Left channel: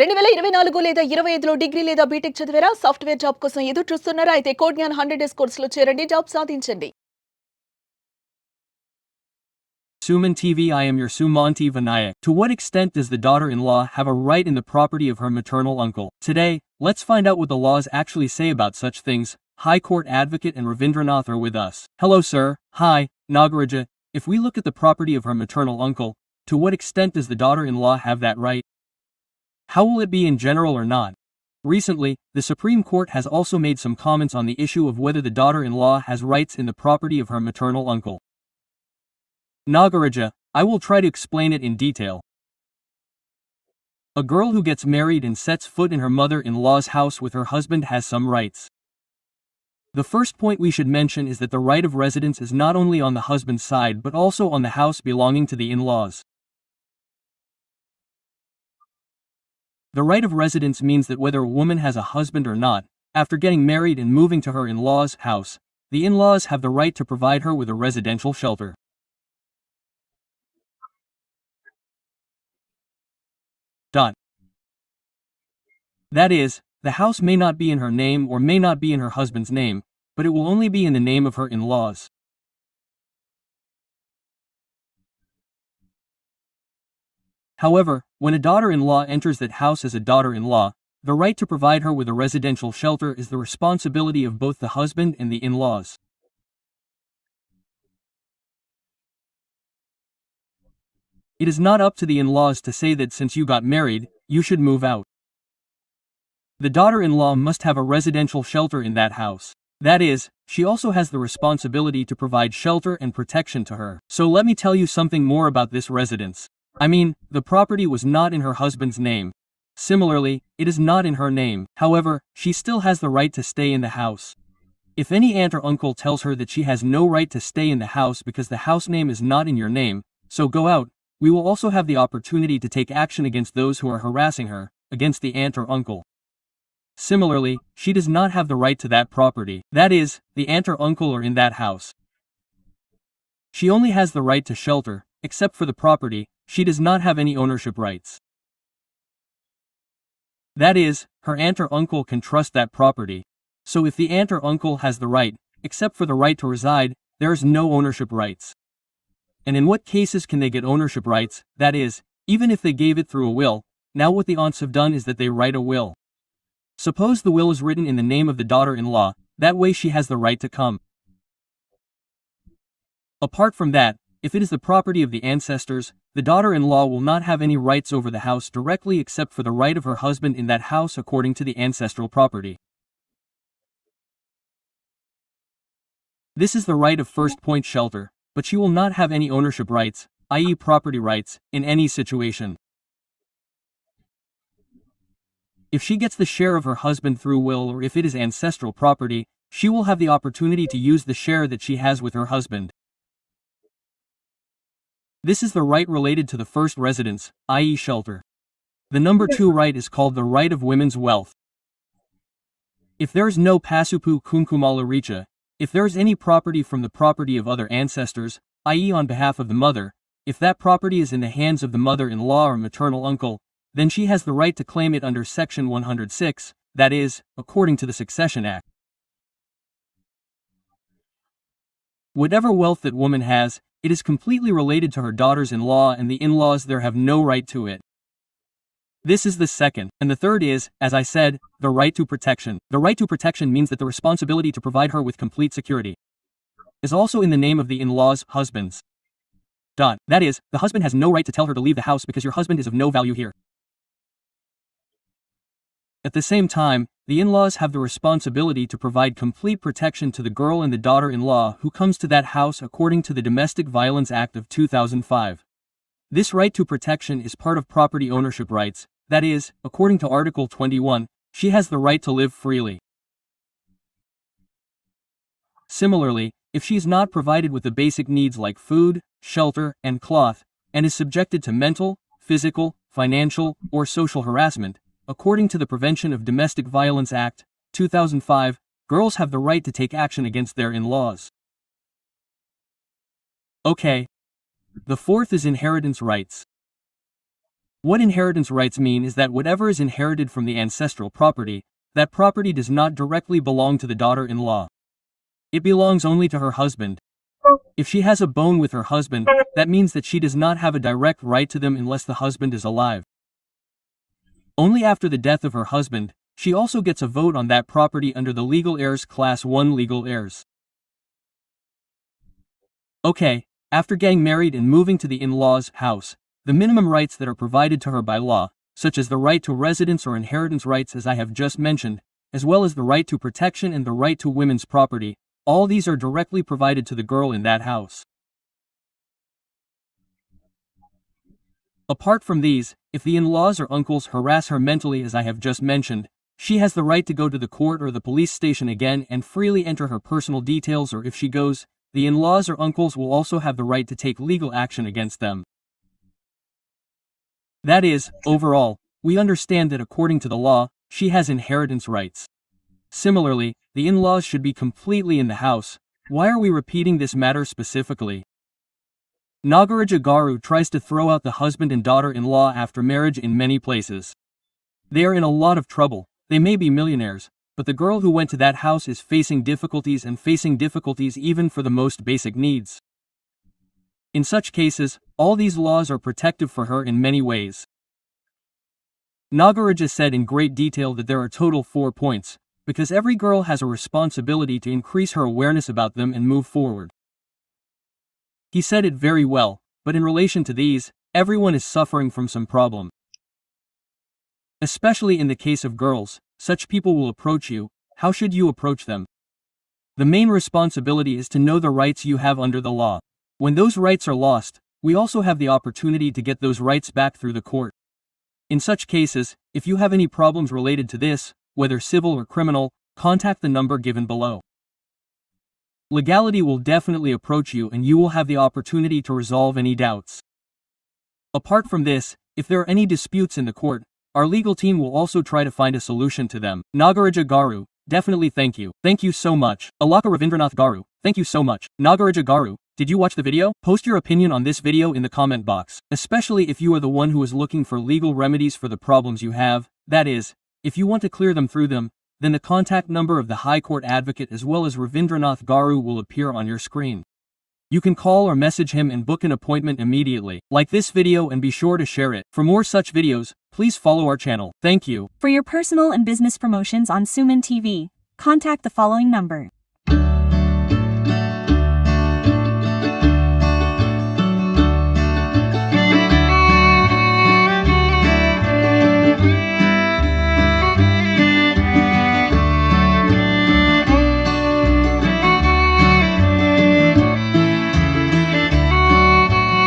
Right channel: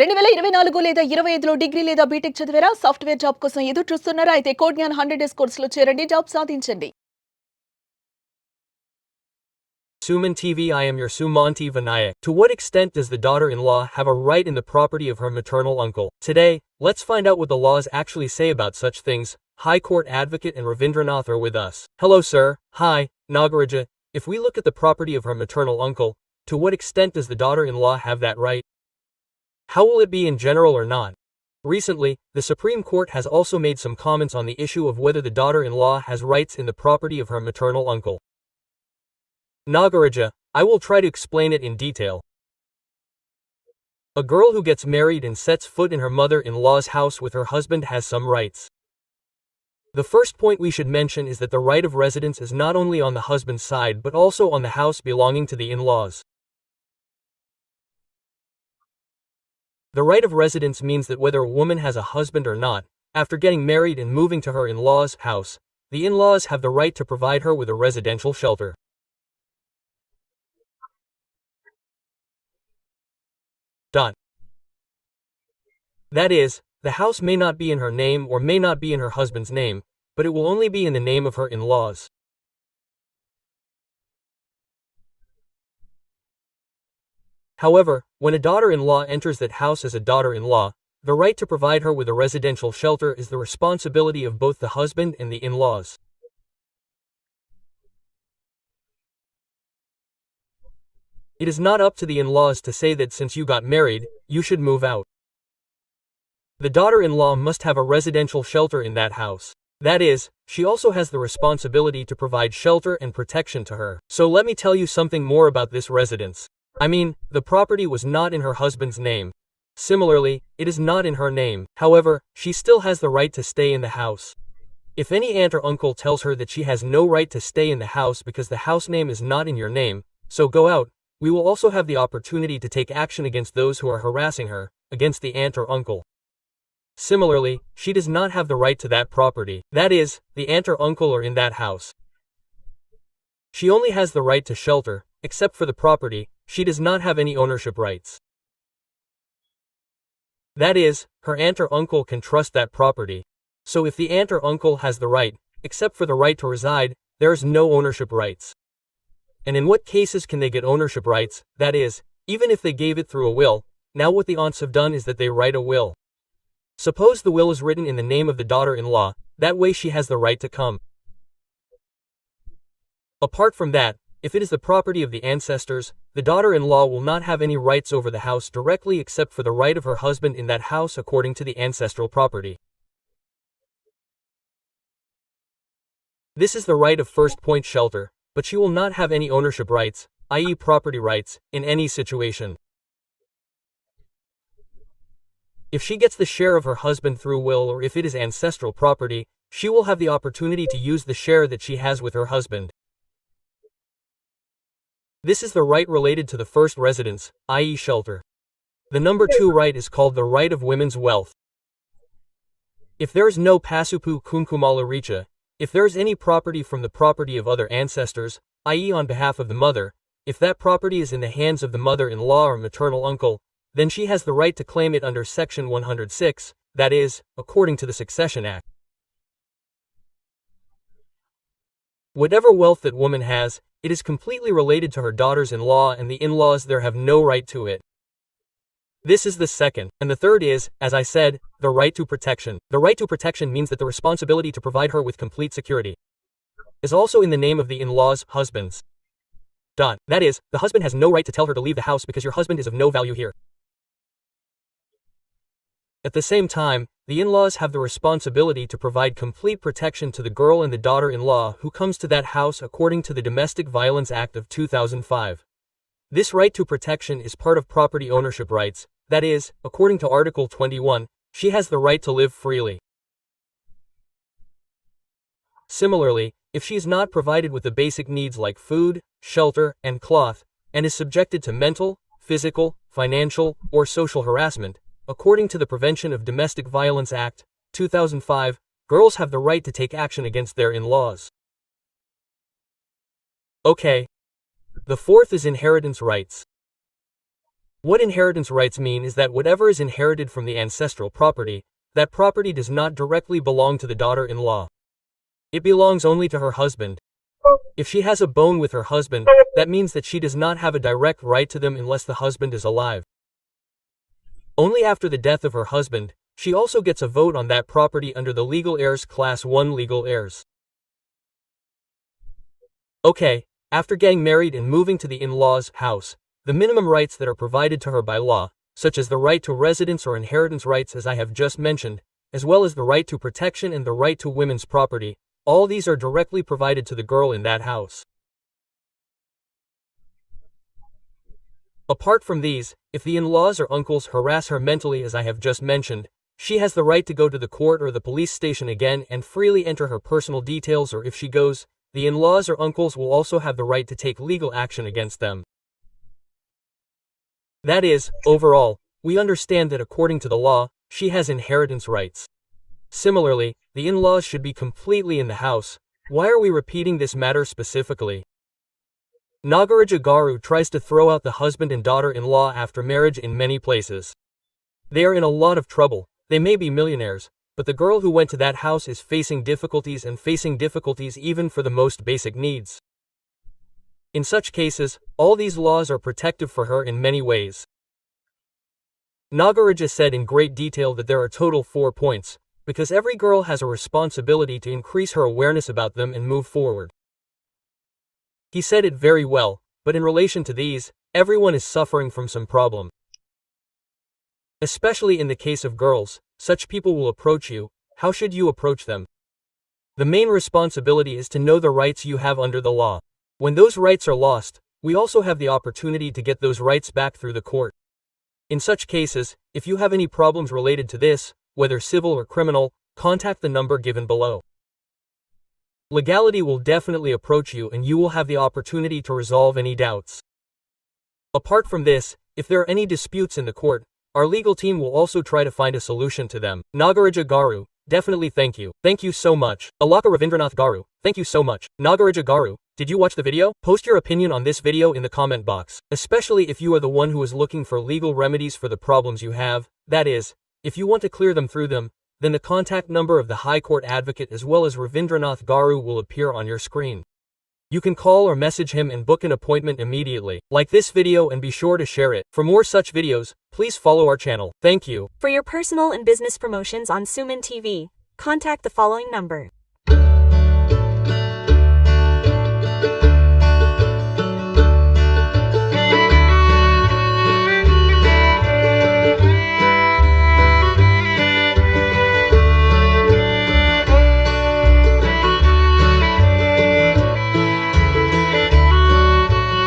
2024 లేదా 25లో డిగ్రీ లేదా బీటెక్ చదివారా? సాఫ్ట్‌వేర్ జాబ్ కోసం ఎదురు చూస్తున్నారా? అయితే కోడ్ జ్ఞాన్ 100 డేస్ కోర్సులో చేరండి. జాబ్ సాధించండి. Suman TV, I am your Sumantv. To what extent does the daughter-in-law have a right in the property of her maternal uncle? Today, let's find out what the laws actually say about such things. High Court Advocate and Ravieendranath are with us. Hello sir. Hi, Nagaraja. If we look at the property of her maternal uncle, to what extent does the daughter-in-law have that right? How will it be in general or not? Recently, the Supreme Court has also made some comments on the issue of whether the daughter-in-law has rights in the property of her maternal uncle. Nagaraja, I will try to explain it in detail. A girl who gets married and sets foot in her mother-in-law's house with her husband has some rights. The first point we should mention is that the right of residence is not only on the husband's side but also on the house belonging to the in-laws. The right of residence means that whether a woman has a husband or not, after getting married and moving to her in-laws' house, the in-laws have the right to provide her with a residential shelter. That is, the house may not be in her name or may not be in her husband's name, but it will only be in the name of her in-laws. However, when a daughter-in-law enters that house as a daughter-in-law, the right to provide her with a residential shelter is the responsibility of both the husband and the in-laws. It is not up to the in-laws to say that since you got married, you should move out. The daughter-in-law must have a residential shelter in that house. That is, she also has the responsibility to provide shelter and protection to her. So let me tell you something more about this residence. I mean, the property was not in her husband's name. Similarly, it is not in her name. However, she still has the right to stay in the house. If any aunt or uncle tells her that she has no right to stay in the house because the house name is not in your name, so go out, we will also have the opportunity to take action against those who are harassing her, against the aunt or uncle. Similarly, she does not have the right to that property. That is, the aunt or uncle are in that house. She only has the right to shelter, except for the property, she does not have any ownership rights. That is, her aunt or uncle can trust that property. So if the aunt or uncle has the right, except for the right to reside, there is no ownership rights. And in what cases can they get ownership rights? That is, even if they gave it through a will, now what the aunts have done is that they write a will. Suppose the will is written in the name of the daughter-in-law, that way she has the right to come. Apart from that, if it is the property of the ancestors, the daughter-in-law will not have any rights over the house directly except for the right of her husband in that house according to the ancestral property. This is the right of first point shelter, but she will not have any ownership rights, i.e. property rights, in any situation. If she gets the share of her husband through will or if it is ancestral property, she will have the opportunity to use the share that she has with her husband. This is the right related to the first residence, i.e. shelter. The number 2 right is called the right of women's wealth. If there is no pasupu kunkumala richa, if there is any property from the property of other ancestors, i.e. on behalf of the mother, if that property is in the hands of the mother-in-law or maternal uncle, then she has the right to claim it under Section 106, that is, according to the Succession Act. Whatever wealth that woman has, it is completely related to her daughters-in-law and the in-laws there have no right to it. This is the second, and the third is, as I said, the right to protection. The right to protection means that the responsibility to provide her with complete security is also in the name of the in-laws' husbands. That is, the husband has no right to tell her to leave the house because your husband is of no value here. At the same time, the in-laws have the responsibility to provide complete protection to the girl and the daughter-in-law who comes to that house according to the Domestic Violence Act of 2005. This right to protection is part of property ownership rights, that is, according to Article 21, she has the right to live freely. Similarly, if she is not provided with the basic needs like food, shelter, and cloth, and is subjected to mental, physical, financial, or social harassment, according to the Prevention of Domestic Violence Act, 2005, girls have the right to take action against their in-laws. Okay. The fourth is inheritance rights. What inheritance rights mean is that whatever is inherited from the ancestral property, that property does not directly belong to the daughter-in-law. It belongs only to her husband. If she has a bone with her husband, that means that she does not have a direct right to them unless the husband is alive. Only after the death of her husband, she also gets a vote on that property under the legal heirs class 1 legal heirs. Okay, after getting married and moving to the in-laws' house, the minimum rights that are provided to her by law, such as the right to residence or inheritance rights as I have just mentioned, as well as the right to protection and the right to women's property, all these are directly provided to the girl in that house. Apart from these, if the in-laws or uncles harass her mentally as I have just mentioned, she has the right to go to the court or the police station again and freely enter her personal details, or if she goes, the in-laws or uncles will also have the right to take legal action against them. That is, overall, we understand that according to the law, she has inheritance rights. Similarly, the in-laws should be completely in the house. Why are we repeating this matter specifically? Nagaraja Garu tries to throw out the husband and daughter-in-law after marriage in many places. They are in a lot of trouble, they may be millionaires, but the girl who went to that house is facing difficulties even for the most basic needs. In such cases, all these laws are protective for her in many ways. Nagaraja said in great detail that there are total 4 points, because every girl has a responsibility to increase her awareness about them and move forward. He said it very well, but in relation to these, everyone is suffering from some problem. Especially in the case of girls, such people will approach you. How should you approach them? The main responsibility is to know the rights you have under the law. When those rights are lost, we also have the opportunity to get those rights back through the court. In such cases, if you have any problems related to this, whether civil or criminal, contact the number given below. Legality will definitely approach you and you will have the opportunity to resolve any doubts. Apart from this, if there are any disputes in the court, our legal team will also try to find a solution to them. Nagaraja Garu, definitely thank you. Thank you so much. Alaka Ravieendranath Garu, thank you so much. Nagaraja Garu, did you watch the video? Post your opinion on this video in the comment box, especially if you are the one who is looking for legal remedies for the problems you have. That is, if you want to clear them through them, then the contact number of the High Court Advocate as well as Ravieendranath Garu will appear on your screen. You can call or message him and book an appointment immediately. Like this video and be sure to share it. For more such videos, please follow our channel. Thank you. For your personal and business promotions on Suman TV, contact the following number.